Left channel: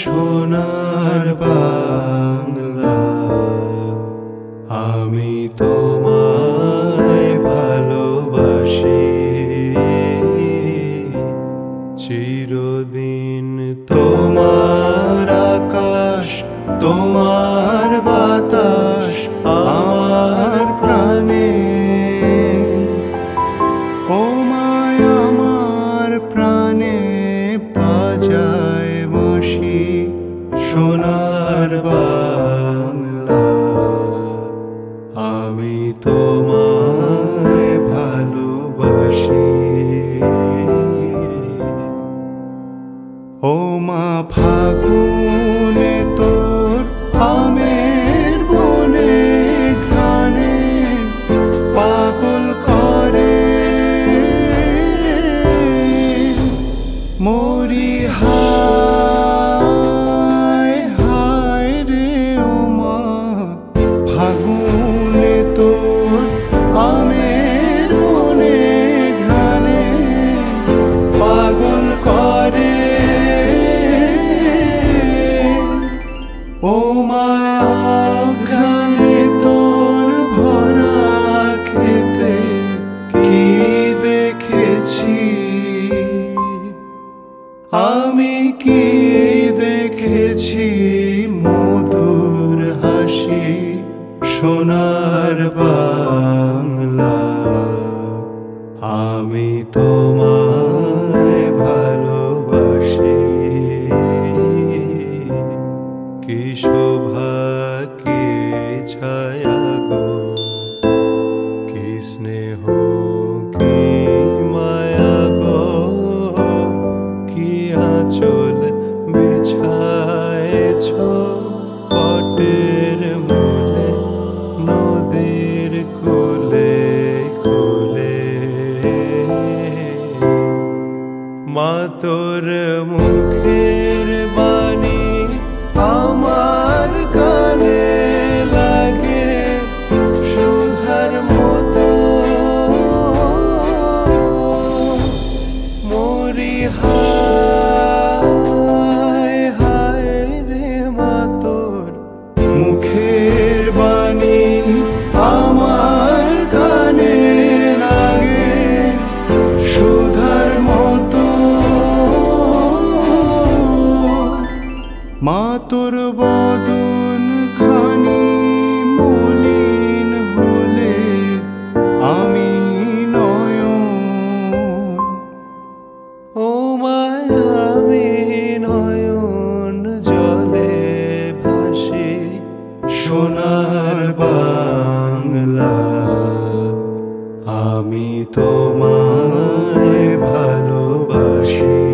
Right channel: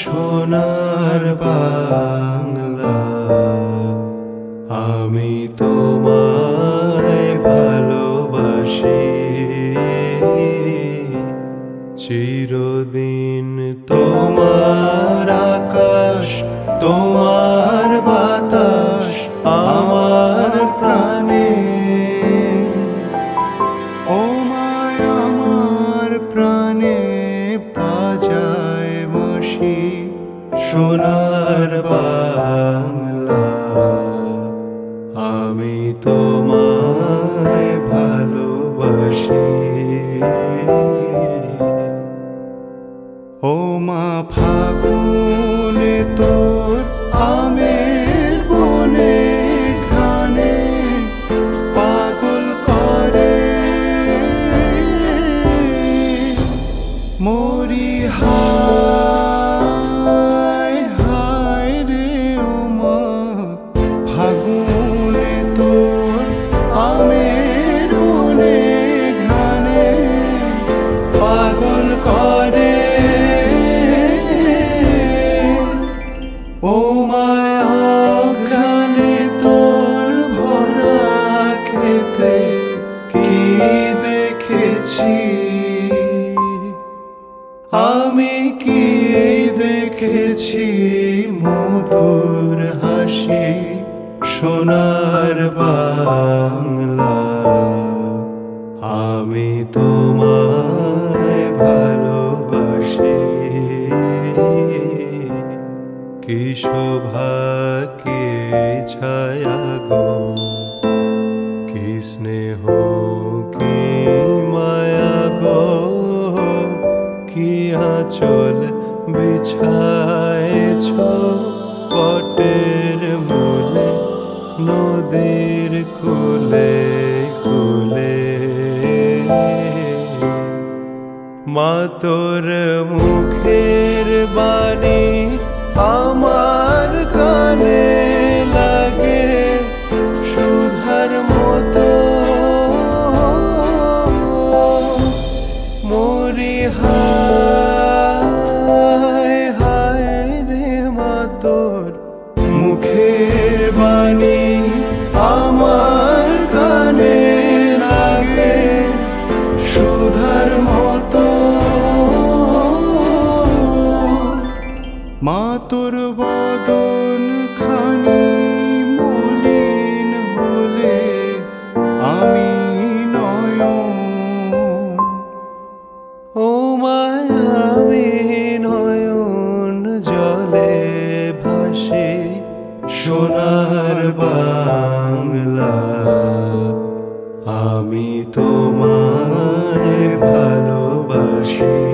সোনার বাংলা, আমি তোমায় ভালোবাসি। চিরদিন তোমার আকাশ, তোমার বাতাস আমার প্রাণে। ও মায় আমার প্রাণে বাজায় বাঁশি, সোনার বাংলা, আমি তোমায় ভালোবাসি। ও মা ফাগুনে তোর আমের বনে ঘ্রাণে পাগল করে মরি। হায় হায় রে ও মা ফাগুনে তোর আমের বনে ঘ্রাণে পাগল করে। ও মায়া অঘ্রাণে তোর ভরা খেতে কি দেখেছি, আমি কি দেখেছি মধুর হাসি, সোনার বাংলা, আমি তোমায় ভালোবাসি। কি শোভা কি ছায়া গো, কি স্নেহ কি মায়া গো, কি আঁচল বিছায়েছ পটের মূলে নদীর কূলে কূলে। মা তোর মুখের বাণী আমার কানে লাগে সুধার মতো, মরি হায় হায় রে মা তোর মুখের বাণী আমার কানে লাগে সুধার মতো। মা তোর বদন খানি মলিন হলে আমি নয়ন, ও মায় আমি নয়ন জলে ভাসি, সোনার বাংলা, আমি তোমায় ভালোবাসি।